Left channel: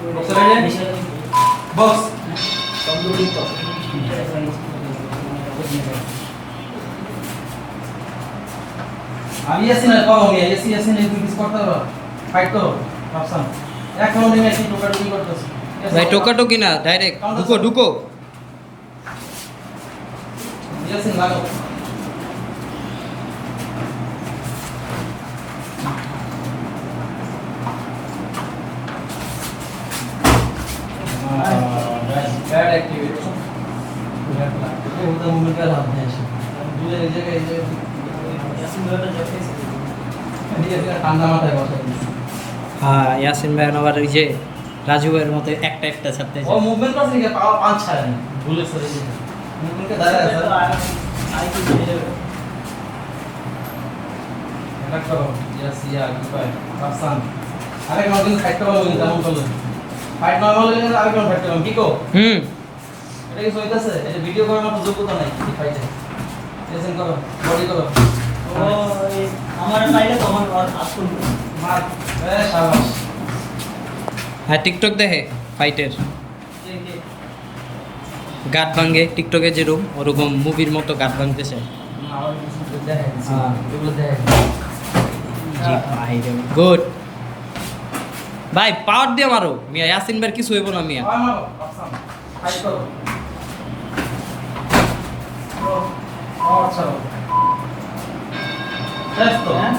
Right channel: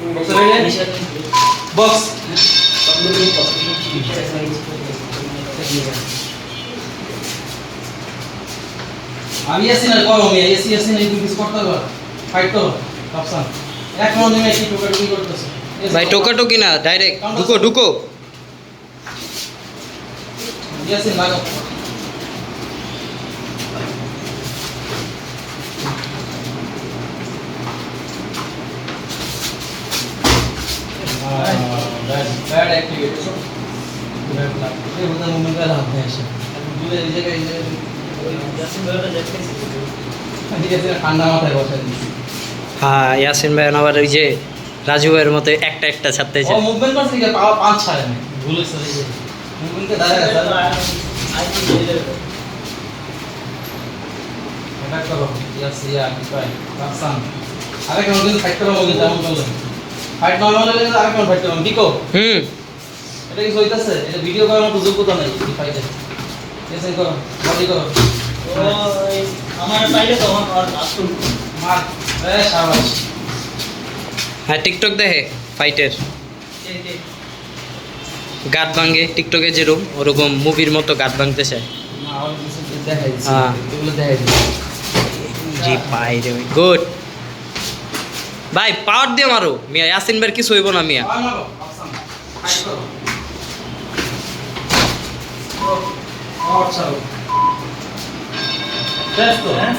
Box রাইলে box আমি আসি না করো আমি আসি না তুমি কিছু করতে পারো ফাইট করো অপশন এক রাউন্ড নিয়ে কি টোকাটুকি করতেছ ভাই টোকাটুকি না ডাইরেক্ট ঢুকো ঢুকো ইয়াসিন লাগাও बैड एक्टिविटी बैड लक ये होता है मूवमेंट का हाथ में ऐसे दूसरे जगह ये ঠান্ডা মাথায় বসে দিছি হ্যাঁ ইয়াসিন ভাই আবার ওই যে রাজু ভাইয়ের মতো একটা একটা ছাড়তে ও চায় মুভমেন্ট করছে কি পাওয়া পাঁচ ছাড়ে না ভুলে সরে যায় মুভমেন্ট কে দাঁড়া আছে এটা করো ইয়াস ইয়া ভাই পাকিস্তান আরে কোন দিন ফাইট করো মনে যেমন বললেন ফাইট নরমাল হলে আরে কোন ফাইট করো ঠিকো এটা কি হইতাছে এটা ভিডিও করার মতো যোগ্যতা নাই এই ফাইটে লেসেন করো বডি করো ওই আমার চাইলে তখন আর আসুন মার এ শাবাশ হ্যাঁ টিকটক দেখে ফাইটের গাট ভাঙে টিকটকে যেরকম ওরকম মুভির মতো গাট ভাঙতে চায় না আর কিছু দেখাই দিছি হ্যাঁ। এগুলো দেখাই দিছি জি পাই রে গুড ভাই পাওয়ার দিয়ে মারো মিয়া ইয়াসিন ভাইয়ের কিছু হইব না মিয়া আমার পাকিস্তান ফাইট করো ও আচ্ছা শেষ তো হ্যাঁ